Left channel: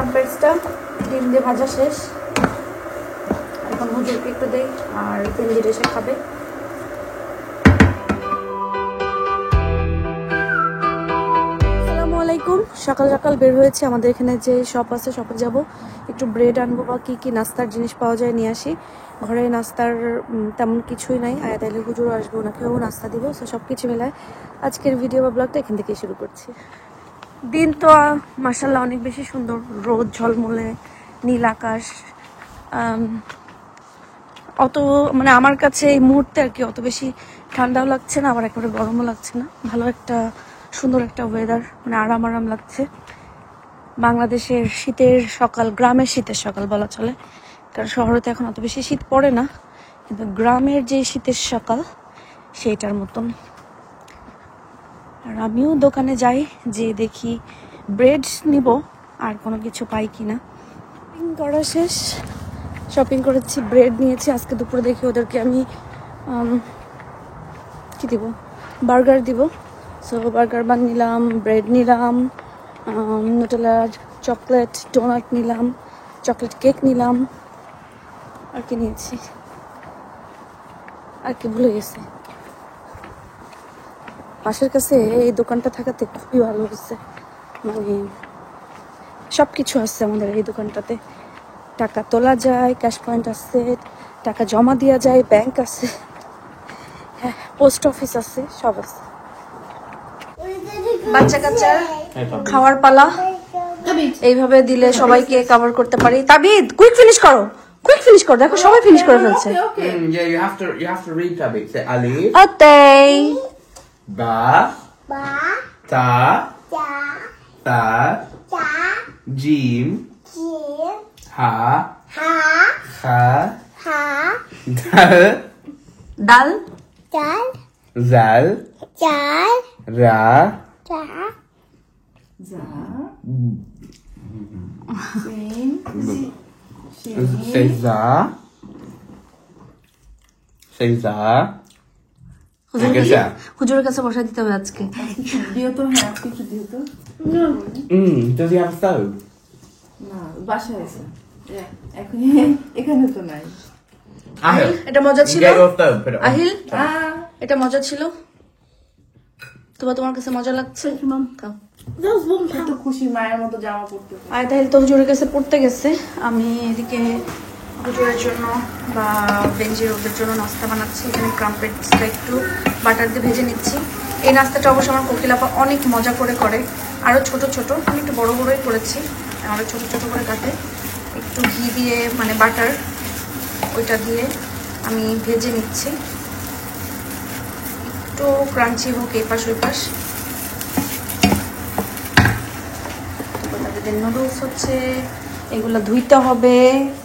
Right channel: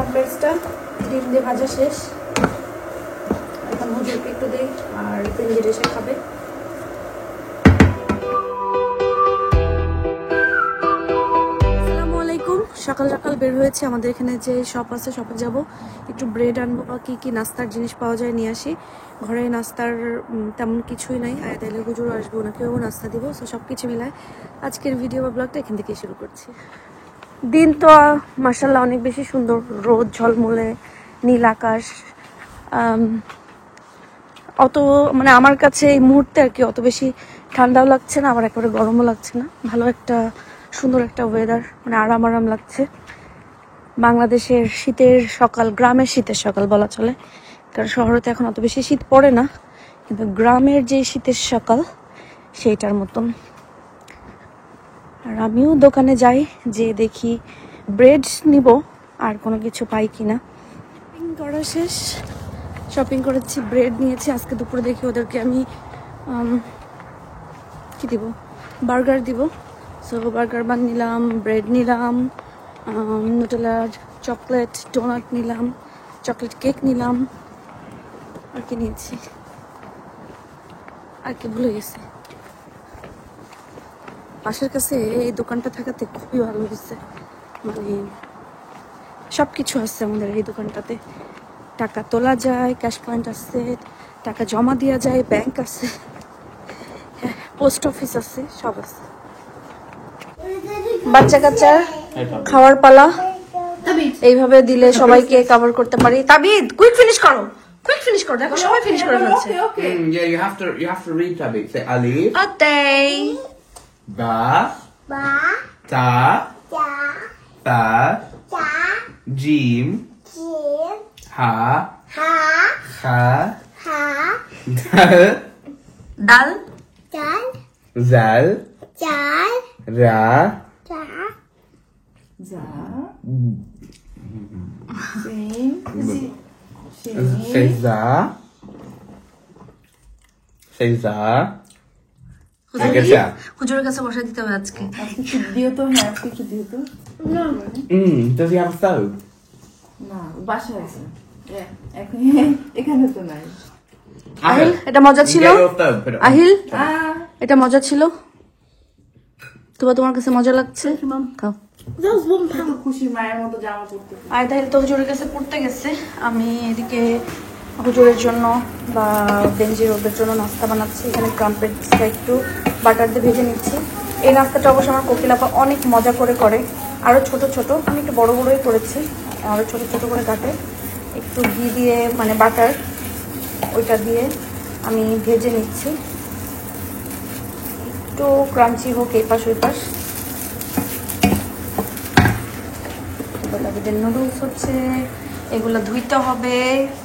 ক্রাম্পেটসটা ডিম দিয়ে ভাজা শেষ। এখন হুজুরকে একটু দেই আর পেঞ্জির এসে খাবে। আসসালামু আলাইকুম। সকাল সকাল বের হয়েছে, আমাদের এখানে যে শপ আছে শপে যাব, একটু ব্রেড আনবো বা কি কি নাস্তার জিনিস পাওয়া যায় নিয়ে আসি। ঘরে নাস্তার তেমন কিছুই নাই, তাইলে হুজুর আসবে, ওনাকেও নাস্তা দিব। সো সব কিছু মিলায় আজকের ভিডিও বা ব্লগটা এখান থেকে শুরু করছি। দিন তো মাশাআল্লাহ অনেক বেশি সুন্দর, রোদ ঝলমলে, নীল আকাশ। অত মানে আমার কাছে এই মুহূর্তে আর কি অত বেশি ঠান্ডাও লাগছে না, আবার একেবারে গরমও লাগছে না। ভালো একটা সুন্দর একটা ওয়েদার, মানে আরাম আরাম লাগছে। বাংলাদেশের শীতের সকাল, গ্রামের শীতের সকাল বলা চলে, কারণ শহরে তো এখন অত বেশি শীত পড়ে না, কিন্তু গ্রামের যে শীতের সকাল সেইটার মতন। আর আমিও দোকানে যাই, যে দেখি ব্রেড নিব আর কোনো কিছু পাই কিনা। শপিং করা শেষ, শপিং করেছি, ব্রেড নিয়েছি। আজকে দুপুরে দেখি ওদেরকে আমি কি দিব, বার্গার দিব। সো বার্গার বান নিলাম, ব্রেড নিলাম, নিউটেলার চকলেট ডোনাট নিলাম, চকলেট কেক নিলাম, আর কি নিয়েছি আর কি ভুলে গেছি। পাশের কাছে এই দোকানটা থাকাতে খুবই ভালো হয়েছে, মানে সব কিছু আছে আমাদের এই দোকানটাতে। টাকা তোলা যায়, ক্যাশ পয়েন্ট আছে, টাকা জমা দেওয়া যায়, ব্যাংক আছে, হ্যাঁ পোস্ট অফিস আছে, সব আছে। বাচ্চা কাচ্চার খাওয়ার পালা, এইভাবে দিলে সবাইকে কভার করতে পারি। তাবিদ কুইক ফিনিশ করো, কুইক ফিনিশ করো, দেখো সবাই ফিনিশ করে ফেলছে। Yeah, you have to read Tabik. Say alif, ওতেই ba, ta, ta, jim, ha, kha, dal, zal, ra, seza, seza. হুজুরের কাছে বসে দিতে হবে আজকে। দিও তো, হ্যাঁ কিছু দিও তো। Does he have a stove? না বাসায় আছে, এখন এখানে তো নাই। Ahil, এটা মজা ছিল get your stove. Put it on. Ahil, এটা মজা ছিল তবে তোমার কাছে মজা লাগছে? খাও। তো খুশি মায়ের মতো জামা পরতে। আর তাহলে তো হুজুরের কাছে পড়তে গেছে, আমি এদিকে হুজুরের জন্য বা বেঞ্জির ওদের জন্য নাস্তা বানাচ্ছি। এখানে ক্রাম্পেটসটা একটু বাটার দিয়ে ভেজে নিচ্ছি। এই নাস্তাটা অবশ্য আমার কোকিলাপা অনেক মজা করে করে, আরও ছোট ছোট, আমি একটু বড় বড়ই করেছি, আরও ছোট ছোট করে কাটে, একটু ঘি দিয়ে মানে বাটার ওইটা দিয়ে আমি ভেজে নিচ্ছি, একটু ক্রাঞ্চি হোক এই পাশ ওই পাশ। তারপরে নুডলস হচ্ছে, এগুলো ধুইতে হবে,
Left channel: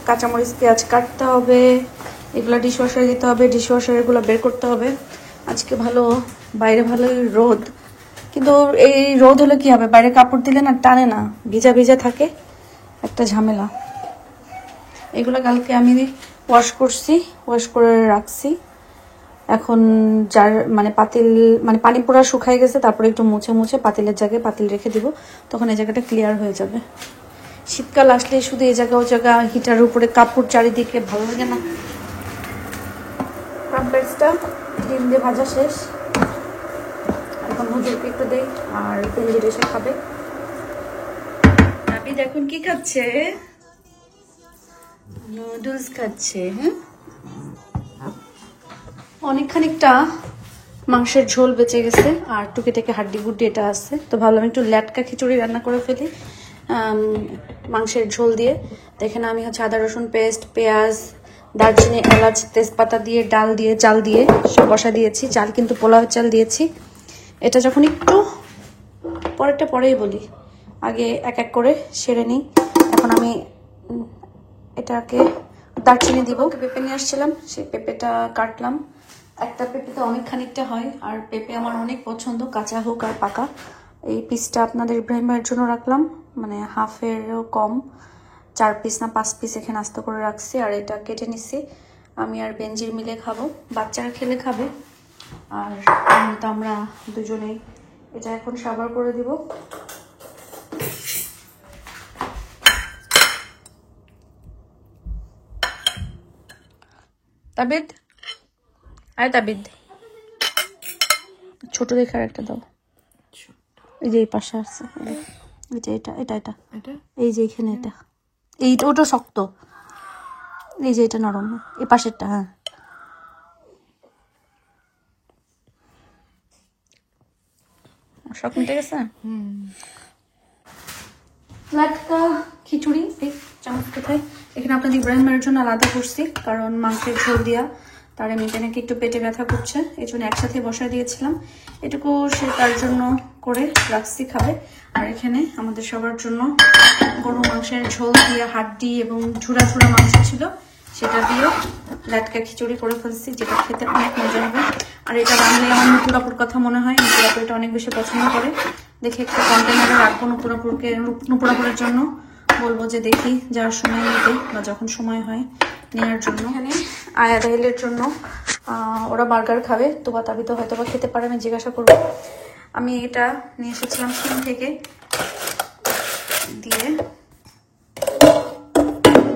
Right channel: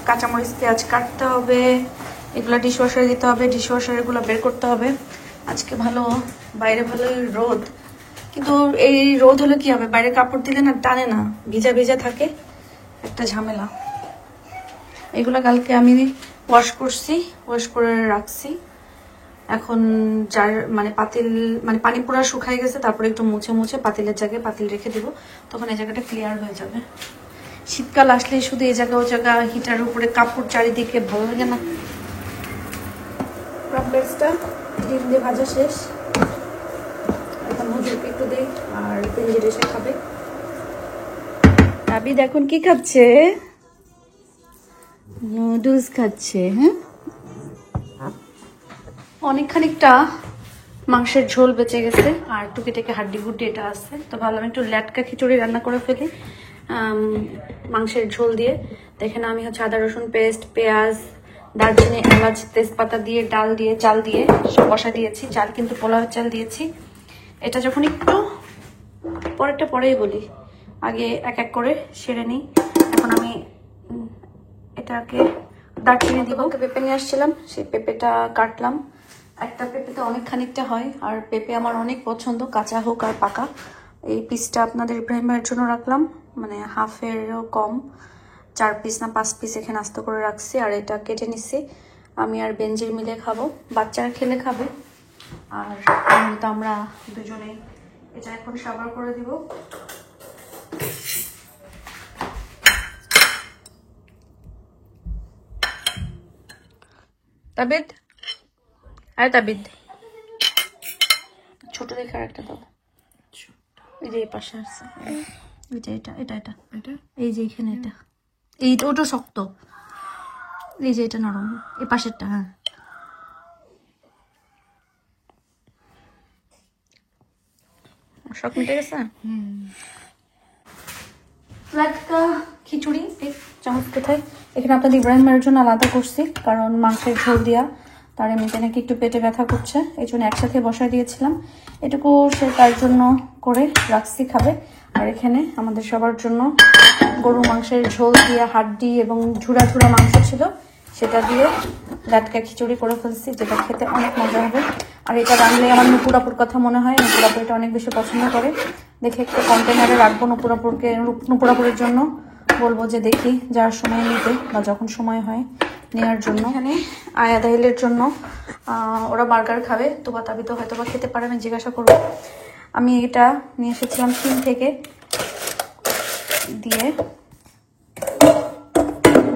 কাঁচামরিচ পেঁয়াজ কাটতে হবে, এগুলো ডিশওয়াশারে দিতে হবে, ডিশওয়াশার এগুলো বের করতে হবে। আজকে ভালো বাইরে ভালো রোদ, কিন্তু এই রোদ হলে কি হবে, বাইরে কাপড় দিলে না টানে না, ভিজা ভিজা থাকে, একটা ঝামেলা। এগুলো কালকে আমি ওয়াশ করছি, ওয়াশ করে রাখছি। এখন যার মানে পাতিল মানে পানি পোড়া শুকাই গেছে, তারপরে একটু মুছে মুছে পাতিলের জায়গায় পাতিল রেখে দিব, তখন এই জায়গাটা ক্লিয়ার হয়ে যাবে। শীতকাল আসলে শুধু এই জায়গা ও জায়গা হিটার উপরে কাপড় চারিদিকে ভালো লাগে না। ক্রাম্পেটসটা ডিম দিয়ে ভাজা শেষ, এখন হুজুরকে একটু দেই আর পেঞ্জির এসে খাবে। আবিদ এখন কি খাচ্ছে? নুডলস খাচ্ছে। হ্যাঁ, অনেক খানিকটা মাংসের ঝোল বেঁচে গেছে, আর টুকি টেকে হাড্ডি গুড্ডি এটা আছে, তো ভাবলাম একটু ল্যাটকা খিচুড়ি রান্না করে ফেলি মাংসের ঝোল দিয়ে। তো এখানে আমি হচ্ছে আদা রসুন পেস্ট, পেঁয়াজ, দারচিনি, এলাচ, তেজপাতা দিয়ে, ডাল দিয়ে, চাল দিয়ে সব মশলা দিয়েছি। চাল কিন্তু পোলাও চাল দিয়েছি। এটা যখন একটু পরেরটা পরেই বলি, আগে এক এক করে সেরে নিই। এখন আমি এটাকে দারচিনি দিব। পেঁপে নিয়ে আসছিলাম, সেই পেঁপেটা কাটলাম। একটা পেঁপেতে অনেক খানিকটা হয়, আর পেঁপে আমার অনেক পছন্দ, কাঁচা হোক আর পাকা। এই পিসটা আপনাদের ইব্রাহিম ভাইয়ের জন্য রাখলাম, মানে হাফেরও কম, 4 পিস না 5 পিস এখানে আস্ত করে রাখছি। আর এটা কেটে নিচ্ছি, আমি আর বেঞ্জির মিলে খাবো, বাচ্চারা খেলে খাবে, আর তো আমরা দুজনে। এটা এখন সাবার করে দিব। তাবিদ, আরে তাবিদ, ছোট দেখে একটা দাও। এই যে এই পাশে আছে, এই যে এটা এটা এটা এই যে এখানে এটা, এইটা ওটা শক্ত, এই যে এটা নরম, এই পাশেরটা। হ্যাঁ সব মিটে গেছে। লাটকা খিচুড়ি চামচ কোথায়, এখানে আপনাদের ইব্রাহিমের জন্য আলাদা করছি, কারণ মাংসের ঝোল দিয়া তার এমনিতে নাকি একটু পেটে ব্যথা করছে, এই জন্য একসাথে বসাই দিয়েছিলাম। এটুকু সে তার জন্য করে রাখছি খাবে। আর এখানে আমাদের সবার জন্য গরু মাংসের ঝোল দিয়ে হাড্ডি এবং ঝুড়া ঝুড়া মাংস ছিল, সেটা দিয়ে লাটকা খিচুড়ি করে ফেলছি, যেটা খেতে অনেক মজা হবে। আর এটা রান্নলে আমার নুপুরাপুর কথা মনে হয়, নুপুরাপুর এটা অনেক বেশি পছন্দ করে। দেখে একটা কন্টেনারে রাখবো নুপুরাপুরের জন্য, বলবো যে দেখি যাওয়ার সময় নিতে বা যখন সময় হয় নেওয়ার জন্য। এখানে আয়া দাহিলের জন্য ওরা বার্গার খাবে, তোবা তাবি তো হয়তো বা খেতে পারে, আমি জিজ্ঞাসা করবো। আমি এটা নিয়ে এসেছিলাম চীন থেকে, দিয়ে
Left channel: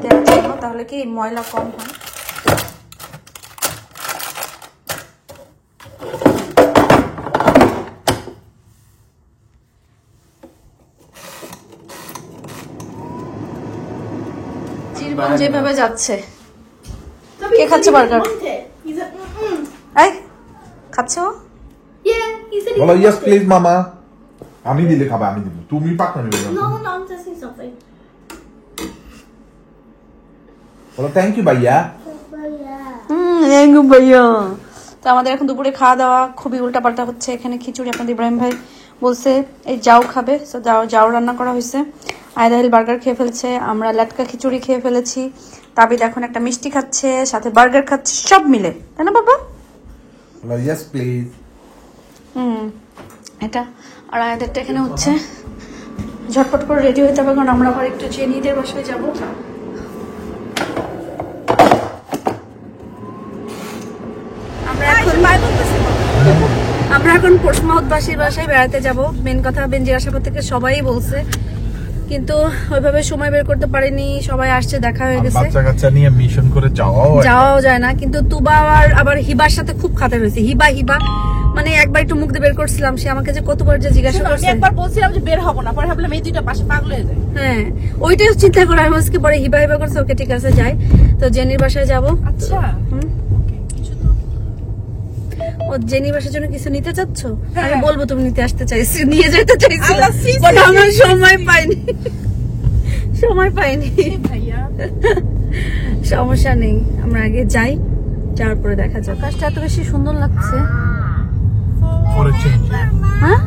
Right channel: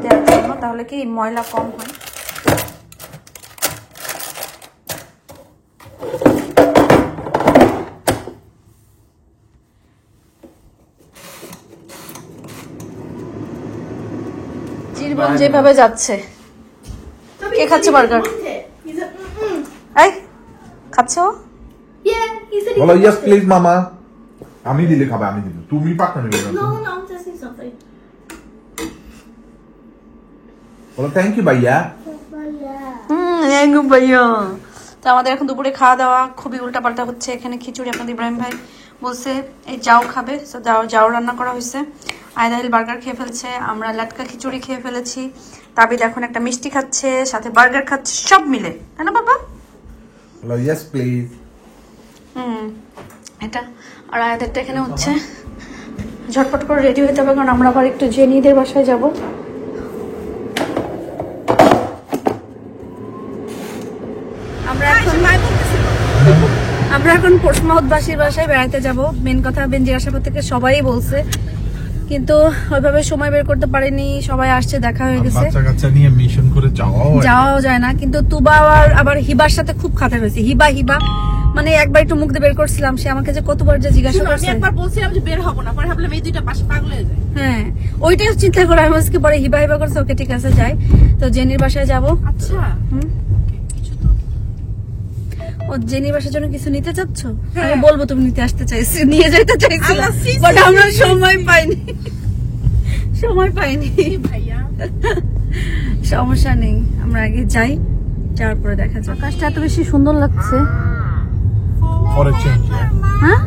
দেওয়ার জন্য, তাহলে কি ময়লা কম হয়। যেভাবে যাচ্ছে, কে খাচ্ছে বার্গার? এই খাচ্ছে ও? বলো ইয়েস প্লিজ মামা। আমি দিলে খাবে, আমি দিলে, তুমি পাকনা নিবে না। বলো থ্যাংক ইউ ভাইয়া। ভাইয়া, তো আমাদের এখন দুপুরে খাওয়া দাওয়া খুবই উল্টাপাল্টা হচ্ছে। এখানে খিচুড়ি আপনাদের ইব্রাহিম ভাই বলছে এই যাও খাবে, তো যাও রান্না করা হয়েছে। আয়দাহিল বার্গার খেয়ে ফেলছে, আমরা লাটকা খিচুড়ি খেয়ে ফেলেছি, তাবিদ এখন একটা মিষ্টি খাচ্ছে, সাথে বার্গার খাচ্ছে, সব মিলে, তাই না বাবা? বলো ইয়েস প্লিজ। এটা আর আয়াদেরটা এখানে হচ্ছে। ঝটপট করে রেডি হতে হবে, কারণ আমরা আবার একটু জেনিদের বাসায় যাব। আমরা এখন পোর্টসমাউথবাসীর বাসায় বেড়াতে যাব। মেন কথা বেনজির আসার থেকে সবাই বলছে, কিন্তু ওইভাবে সময় বের করতে পারিনি। সবাই আসছে, দেখা হয়ে গেছে, বাচ্চা কাচ্চা নিয়ে মিশন করে যাওয়াও যায় না। কিন্তু তুবা আবার হিবার সাথে খুব খাতার হয়েছে। হিবা মানে একবার একটু মুখ দিয়ে বের করছিলাম, সে আমাকে যে কতবার যে জিজ্ঞাসা করছে, একবার বলছিলাম যে বের হবো না, পরে ভাবলাম এই দুইটা পাশে পাগল হয়ে যায়। হ্যাঁ ওইটাই চিন্তা করে আমি আজকে পরে হিবা করছে, ওকে ঠিক আছে যাই। তো জেনির বাসায় যাবো। আচ্ছা ও জেনির বাসার জন্য কিছু নিতে চাচ্ছ? আমি বলবো তুমি নিতে আসতে চাইছি, নিয়ে যেতে চাইছি, বাট আমরা সময় পাইনি। সমস্যা নেই, আমরা আগে যাই, যাওয়ার পরে দেখা যাক। আকাশটা এত বেশি সুন্দর লাগছে। হ্যাঁ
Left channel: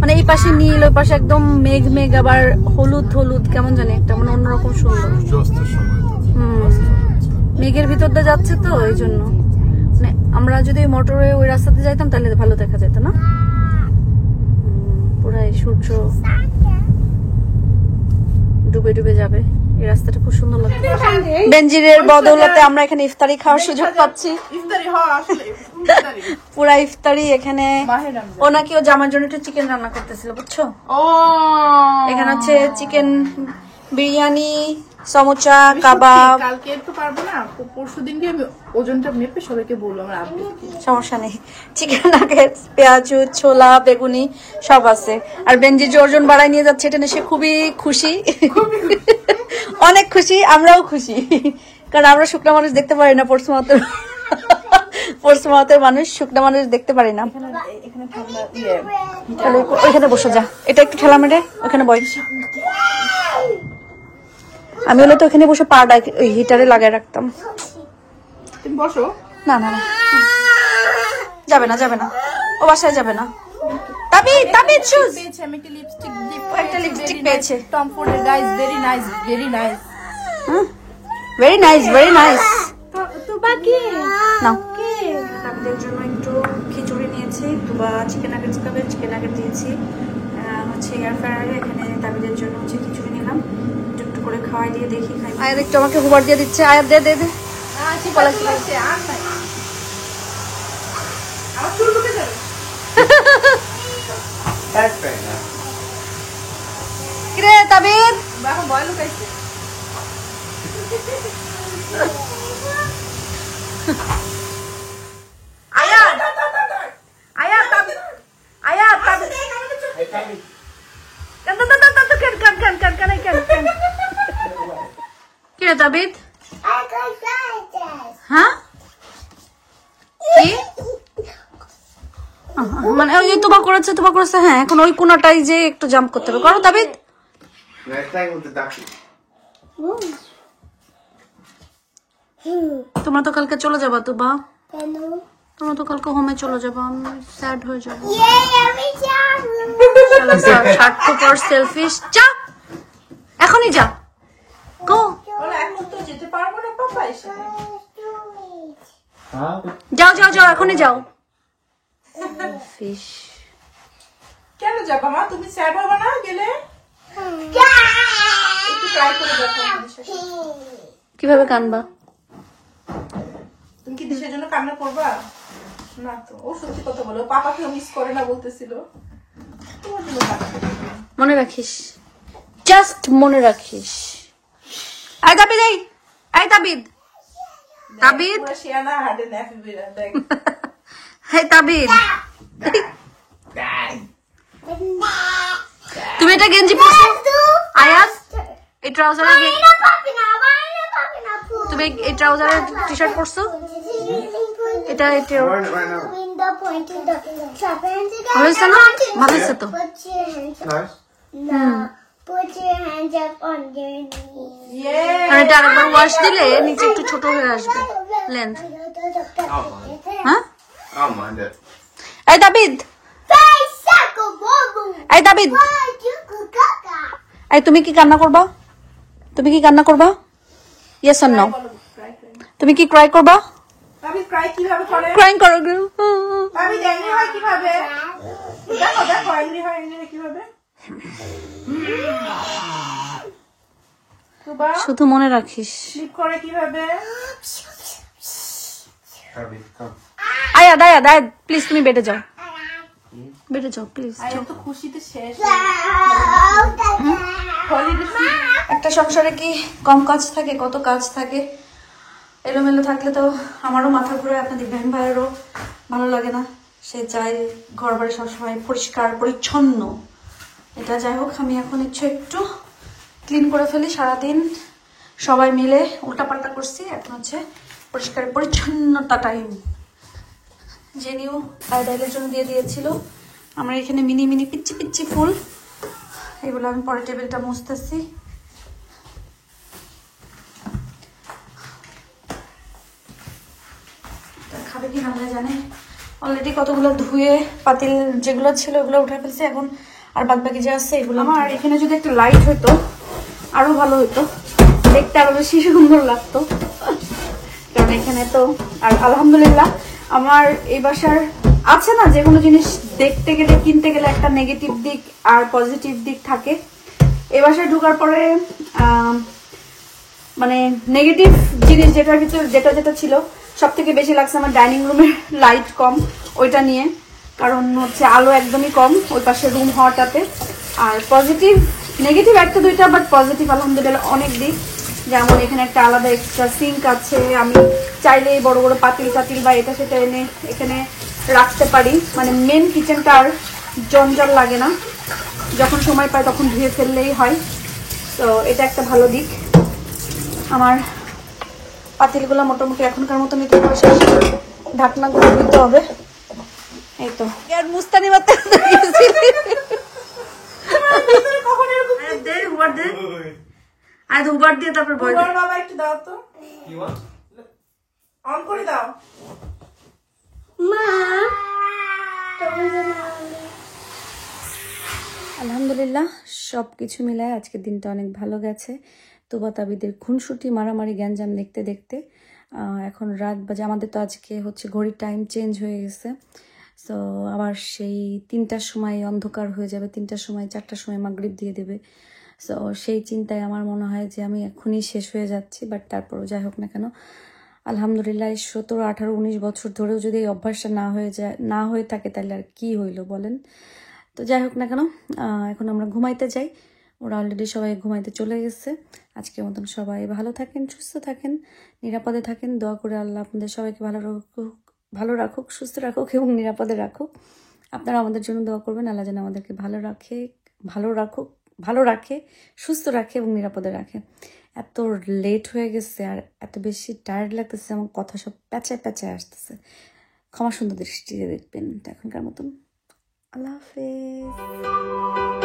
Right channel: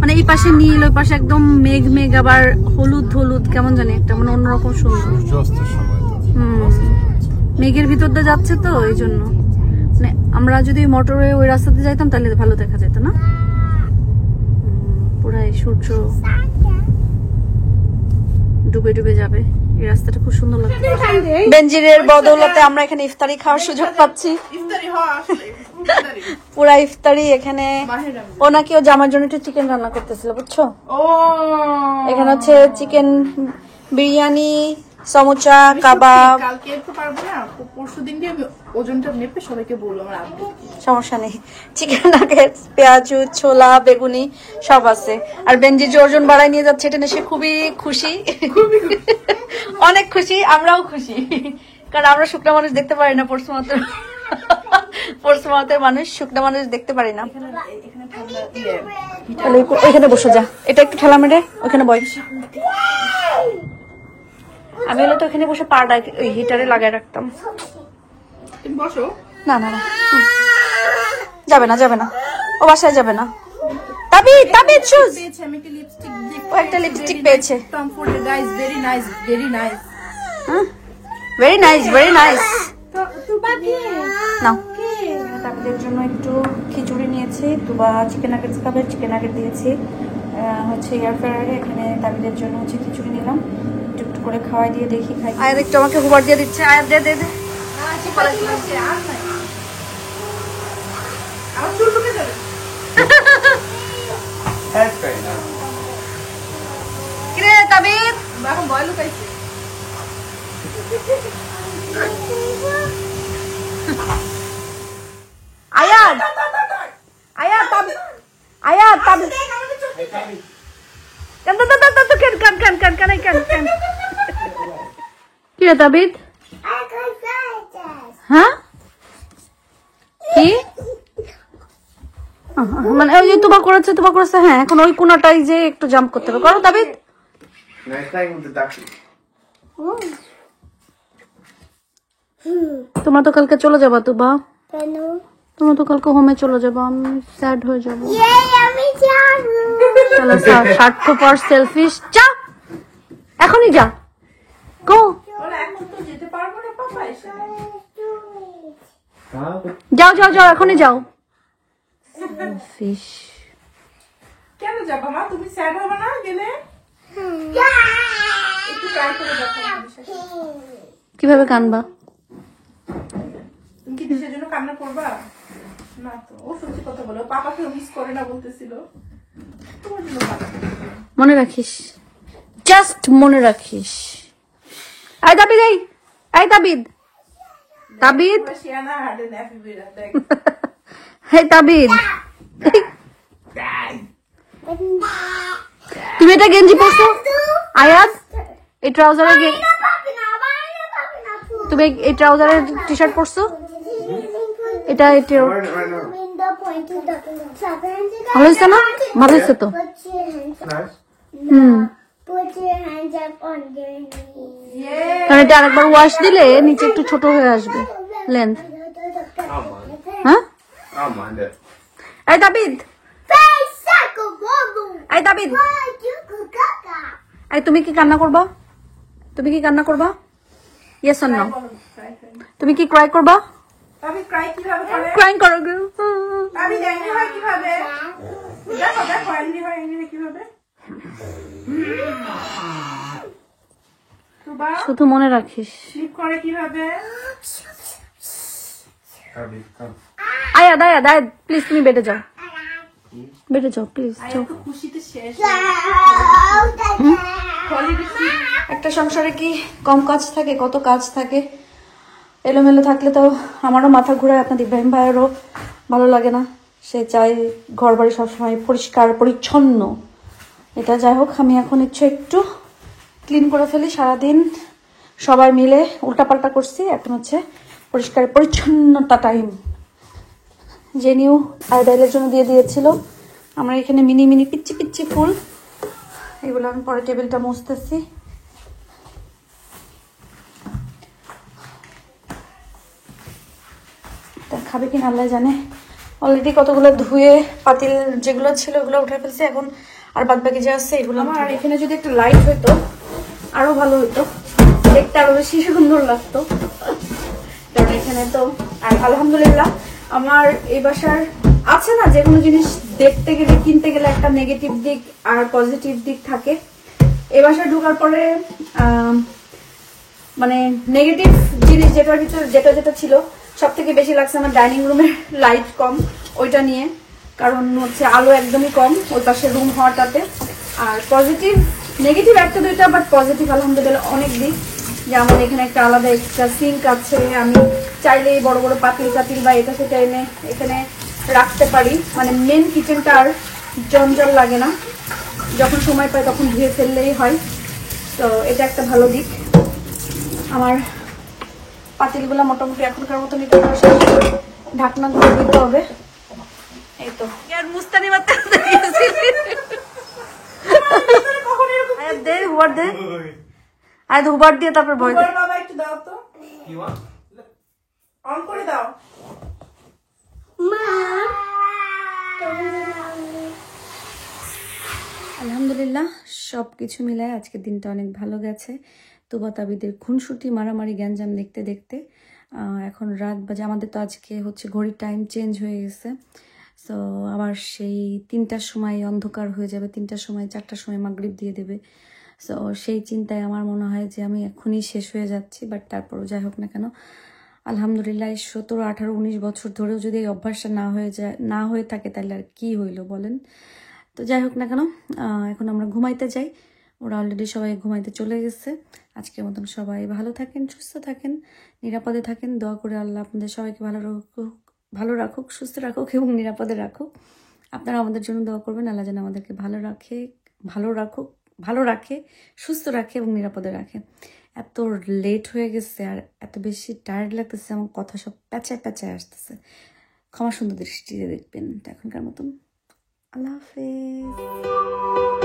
মানে এই পাশে নীল, ওই পাশে একদম মেঘ, আবার হলুদ কেমন জানি একটা, মানে অন্যরকম সুন্দর। মেঘের ভিতর দিয়ে যাচ্ছে তো এই জন্য। মানে আমরা যদি মোটরে ওই রাস্তাতে যাইতাম তাহলে ভালো দেখা যেত না, পুরাই সূর্য ডুবে যাবে। এই রাস্তাটা খুব সুন্দর লাগছে। বেনজিরের বদৌলতে আমরা এখানে ইফতারি খাওয়ার সুযোগ পাচ্ছি, পুরা ইফতারি এখানে। ও নাকি ও জামার জন্য একটু চিকেন রান্না করতেছিল, বুঝছো? এখানে আছে চিকেন বিরিয়ানি, সমোসা, কাবাব। কালকে তো পারবো না, পরশু দিনকে আমি ওজনটা মেপে সবাইকে বলবো আমার আপডেট। সমস্যা নেই, চিকেন নাগেটস, পেঁয়াজু, ছোলা, বেগুনি সব আছে। আর বেনজি যে ওজন বাড়ায় নিয়ে যাচ্ছে, এটা নিয়ে সে খুবই খুশি, অনেক খুশি, আমরাও খুশি, কারণ আমরা শুকনা মানুষ দেখতে পারি না। পরশুমাতের মানুষ শুকনা মানুষ দেখতে পারি না। ওইখানে বসে যা, এটা একটু ঠেলা মেরে ওখানে বয়। আমি হলে তো ওখানে বসে পাটা ওই হিটারে লাগাই রাখতাম। বসো। না যাবে না, ও বাসায় যাবে না। তাবিদ চুজ, আমি একটা লিপস্টিক ও একটা লিপস্টিক পেয়েছে। Tom Ford guys, very nice. Very nice. তো বাকি নাও। তাবিদের জন্য একটু খিচুড়ি নিয়েছি, তুবা চিকেন নাগেটস খাবে, চিকেন নাগেট দিয়েছি হচ্ছে এয়ার ফ্রায়ারে। এখানে তাবিদের জন্য হচ্ছে খিচুড়ি নিলাম, একটু করে খাওয়াই দিয়ে দেখি। আয়াত একটু আমাকে হুবার দিয়ে দিচ্ছে, আয়াত দে আমার চুল ঢুকে যাবে। কিরে তাবিদ এখন ভয় লুকাইছে। আয়াত আয়াত আয়াত তাবিদ কি রে তাবিদ? হ্যাঁ কি মানে ওই যে তোমা করেছে হ্যাঁ এখন ওই কোনাটাই যে একটু জাম্প করতে হবে। করো তাবিদ। তোমরা তো কালকে চলে যাবা তুবা, তোমরা তো কালকে হোমে চলে যাবো, আমি স্যাড হয়ে যাবো। স্বার্থপর সেলফিশ। যা এখনই যা, গো এখন তো যেতে পারবো না পাপা এসে। যাও যাও যাও এখনই যাও। কেন যাবো মা, তুমি স্যাড হবে না গেলে? একটু ট্রাই করে দেখো। কিভাবে কানবা? তুমি কি দিশের জন্য কান্না করবা? না তো, ও সত্যি কথা বলো, পাপাকে মিস করে না বলতেছিল। তোমার জন্য কান্না করবে। মনে রাখিস, জাস্ট মনে রাখিস। এই তাবিদ, এই তাবিদ, তাবিদ, তোমরা শিয়ানা হাটে নেফে বেরা দেখ। এই তাবিদ, তুমি এটা গেঞ্জি পরছো? আয়াত এই ট্রাউজারের তুমি এই ট্রাউজারের টি শার্ট পরছো? এটা ভালো হয়েছে না? ভালো হয়েছে তো। কারণ এটা আরেকবার ওয়াশ দিলে নিচে একটু ছোট হয়ে আসবে লেন্থ। হ্যাঁ এই তাবিদ, এই তাবিদ, এই তুমি কি কান্না করবা? তুমি কি কান্না করবা? Yes or no? তুমি কি ক্রাই করবা? আমি ক্রাই কিভাবে করে? ক্রাইং করো। আমি জানি হয় কিভাবে। দেখো দেখো এমনি হয় কিভাবে। তুবা শুধু মনে রাখিস। স্লিপ করে কিভাবে? আয়াত আয়াত আয়াত প্লিজ তুমি বেডে যাও, বেডে যাও প্লিজ যাও। তো খুশিতে শেষ। একটা সংসারে কি কম কাজ থাকে? কত কাজ থাকে। এলোমেলো থাকলে তো আমারও মাথা ঘুরায়, আপনাদের ইব্রাহিম ভাইয়েরও ভালো লাগে না। সে চাই ঘর বাড়ি সবসময় পরিষ্কার পরিচ্ছন্ন। এটা যাই হোক, আমি এখন ইচ্ছে একটু ক্লিন করে ফেলি। সারাদিন সবাই মিলে উল্টাপাল্টা করছি, এখন হচ্ছে পরিষ্কার পরিচ্ছন্নতা টাইম। যে নিউ আইডাইলের জন্য দিয়ে দিয়েছিল আমরা এখানে মিনি মিনি পিচ্ছি পিচ্ছি ফুল, এগুলো আমি পরে টেবিলটা মুছতেছি। খাবে কি আল্লাহ জানে। অলরেডি কতগুলো ধুয়ে পাতিল যেগুলো ছিল ওগুলো উঠে ফেলছি, এখন আর বাদ বাকি যে আছে এগুলো। আমার এখানে যদি একটা লাইট হতো আরো ভালো হতো, দেখতে আরো বেশি সুন্দর লাগতো। কারণ এখানে তো আর আলহামদুলিল্লাহ আমার এই বাসার আছে না, যে কোনো জিনিস দেখতে গেলে কিনতে গেলে একটা নেগেটিভ দিক আর পজিটিভ দিক থাকে। এই বাসায় ঢোকার পরে মানে নেগেটিভ জিনিস যেটার ভিতরে যেটা ছিল সব থেকে বেশি লাগছে আমার ডাইনিং রুমের লাইট কম, ওইটা নিয়ে। কারণ হচ্ছে আলো একদমই কম ওই পাশে রুম হওয়াটাতে। আর পজিটিভ নেগেটিভ একটা দুইটা, বাট পজিটিভ আলহামদুলিল্লাহ অনেক দিক। যেমন এখানে একটা আলাদা এক্সট্রা সিঙ্ক আছে, আমি চাইলেই বড় বড় পাতিল টাতিল বা এটা সেটা এনে এখানে রাখতে পারি। মানে মেন কিচেনটা আর জঞ্জাল লাগে না, যখন সময় পাই তখন ধুয়ে ফেললেই হয়। তো এটা একটা ভালো দিক। আমার পাতিলগুলো মোটামুটি এখনকার মতো নিতে পারে, ঢাকনাগুলো দিতে হবে। এই তো আর মুস্তানি মাত্র আর দুবার দিয়ে তারপর ভয় দিই। বাবা একটু দাও তো, অন করে দাও। আলহামদুলিল্লাহ সবকিছু মিলায় আজকের দিনটা অনেক ভালো গেছে। তুবা তাবিদের খুনসুটি মারামারি গ্যাঞ্জাম দেখতে দেখতে এখন রাত বাজে। আমাদের তো আজকে হচ্ছে ঘড়ির টাইম চেঞ্জ হয়ে গেছে। সো আবার সেই 3টার সময় অন্ধকার হয়ে যাবে, 3টার সময় 4টার সময় মাগরিব দিয়ে দেবে। সো সেই চিন্তায় আমার মনে হয় যে আমি এখনই শেষ হয়ে যাচ্ছি। বাট তারপরও যাই হোক না কেন আলহামদুলিল্লাহ 17, 18, 19 বছর ধরেও যদি এই অভ্যাসটা না হয়ে থাকে তাহলে আর কি হইলো বলেন। তো যাই হোক না কেন এখন আমরা ঘুমাইতে যাই। ওরা অলরেডি সবাই ঘুমাইতে চলে গেছে। আজকের মতন সবাই ভালো থাকেন, সুস্থ থাকেন। নিরাপদে থাকেন, দোয়া করে আল্লাহ আপনাদের সবাইকে ভালো রাখুক, সুস্থ রাখুক এবং নিরাপদে রাখুক। আপনারা আমাদের জন্য দোয়া করবেন, আল্লাহ যেন আমাদেরকে ভালো রাখে, সুস্থ রাখে এবং নিরাপদে রাখে। এত লেট হয়ে গেছে আর এত বেশি টায়ার্ড লাগতেছে, আমার কথা সব প্যাচায় আসতেছে, ক্ষমা সুন্দর দৃষ্টিতে দেখবেন। তো এখনকার মতন আল্লাহ হাফেজ।